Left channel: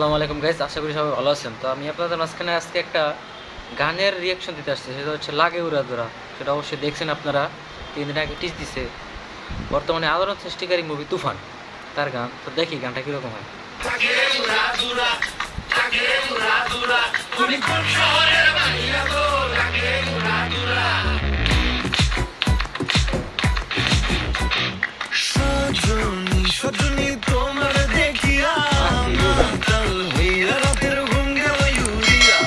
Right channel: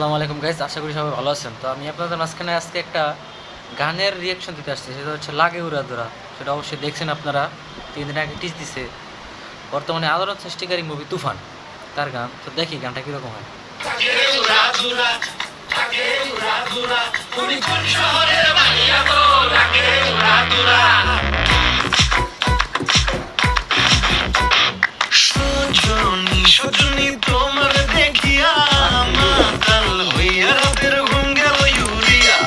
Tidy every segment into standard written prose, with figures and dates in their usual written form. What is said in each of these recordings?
আসসালামু আলাইকুম গাইস, আশা করি সবাই ভালো আছেন। তো আমি আপনাদের মাঝখানে আজকে একটা গানের রিয়াকশন দিতে আসছি, সেটা হচ্ছে লাগে উড়াধুরা। সেটা অবশ্যই দেখছেন আপনারা, 3 দিন আগে টিজ দিছে। বর্তমানে আলোড়ন সৃষ্টিকারী মুভি তুফান, তার গান। তো দেখি গানটা কীরকম হয়। সজনী তোমার দেখিয়া মাতাল হইয়া রাতের ঘুম গেল ইউরিয়া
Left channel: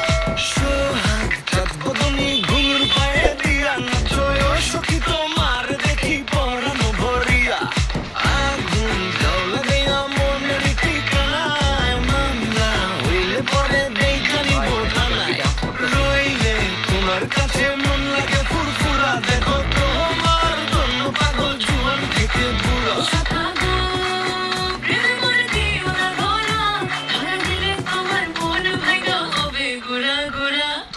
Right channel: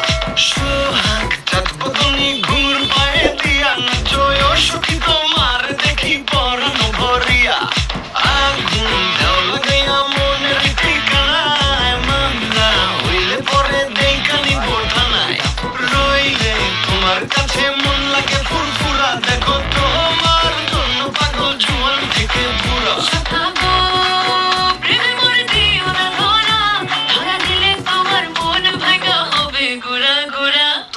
সোহাগ চাঁদ বদনী ঘুর পায়ে দিয়া নাচয় সখী তোমার দেখি পরানো ভরিয়া আগুন জ্বালা দেয়া মনের ঠিকানায় মামলা হইলে পরে দেখানি বোটানায় রইলে তোমার কাছে মন লাগে ফুরফুরা দেখো তোমার জন্য পাগল জুয়ান থেকে বুড়া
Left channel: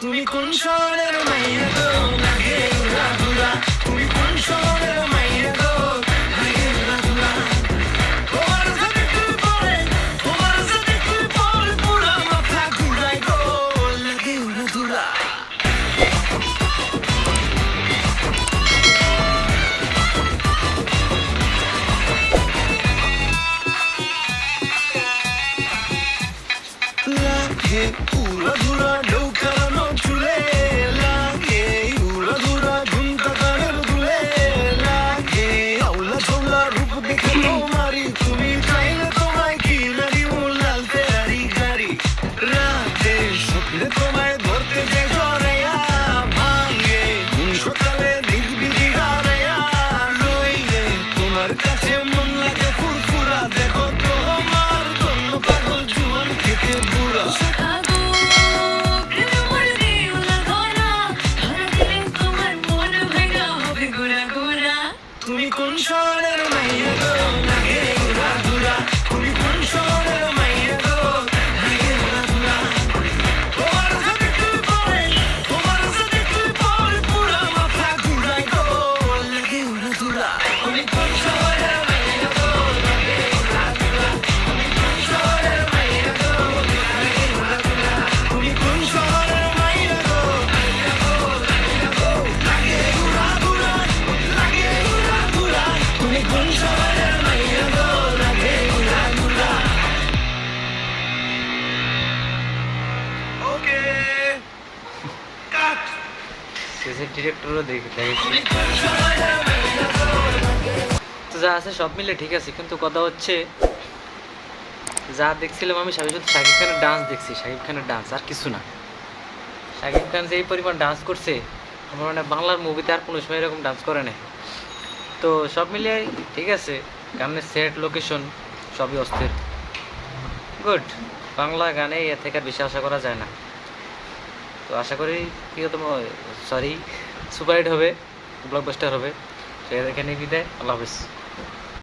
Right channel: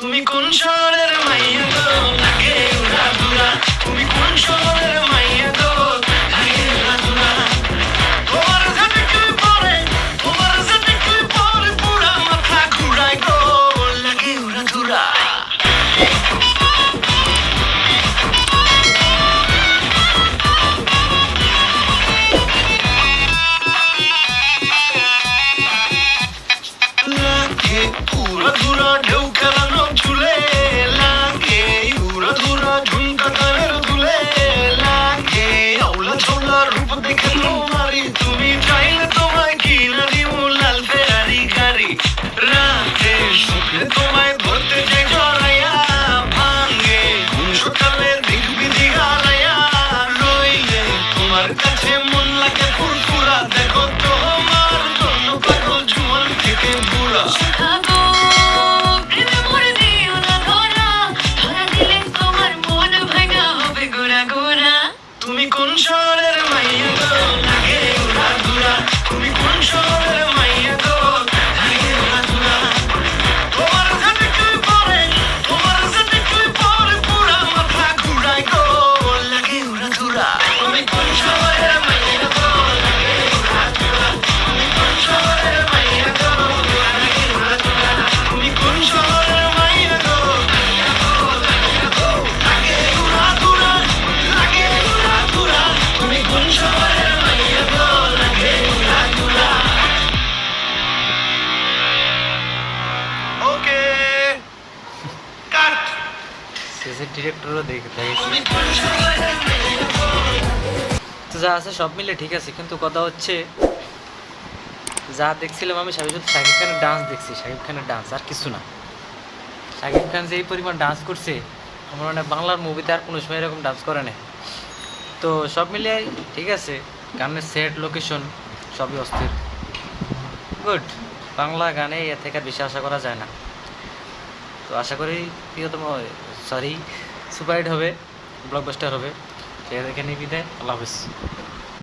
তুমি কোন শহরের মাইয়া গো লাগে উড়াধুরা তুমি কোন শহরের মাইয়া গো লাগে উড়াধুরা তোমার সাথে তুই পরে পুরা মাথা ঘুরাই গো লাগে উড়াধুরা লাগে উড়াধুরা ঢৌকানো চুলে লাগে উড়াধুরা ঝুমকা কানের দুলে লাগে আউলা ঝোলা রূপ দেখে তোমারি তুমি চাইলে তোমায় কিনা দিব লাল ফেরারি গাড়ি রাতে স্বপ্নে তোমায় ধরতে যে জড়াইয়া ভাঙে ঘুম সকালে দিগবিদি হারাইয়া রইলে তোমার কাছে মন লাগে ফুরফুরা দেখো তোমার জন্য পাগল জুয়ান থেকে বুড়া তুমি কোন শহরের মাইয়া গো লাগে উড়াধুরা তুমি কোন শহরের মাইয়া গো লাগে উড়াধুরা তোমার সাথে তুই পরে পুরা মাথা ঘুরাই গো লাগে উড়াধুরা তুমি কোন শহরের মাইয়া গো লাগে উড়াধুরা তুমি কোন শহরের মাইয়া গো লাগে উড়াধুরা তুমি কোন শহরের মাইয়া গো লাগে উড়াধুরা লাগে উড়াধুরা তুমি কোন শহরের মাইয়া গো লাগে উড়াধুরা ওকে কাট শেষের ডিরেক্টরও দেখেছি। তুমি কোন শহরের মাইয়া গো তো যা আছে সব মিলে ঠিক আছে, কিন্তু কথা হচ্ছে যা দেখছিলাম আমি শুধু শাকিব খানের ডান্স দেখছি, শাকিব খানের ডান্স আর কিছু না। শাকিব খান যে এই পরিমাণ ডান্স করছে, আমার মানে বাংলার মুভিতে আর কোনো সময় এরকম ডান্স করে নাই। তো সব মিলিয়ে ঠিক আছে, গানের সেট লোকেশন সবই অস্থির, গুড। বাংলা গানে এর থেকে আর বেশি আশা করা যায় না। তো আশা করি প্রিয়তম সুপারহিট হবে, ব্লকবাস্টার হবে। সে এখানে বিদায়, আল্লাহ হাফিজ।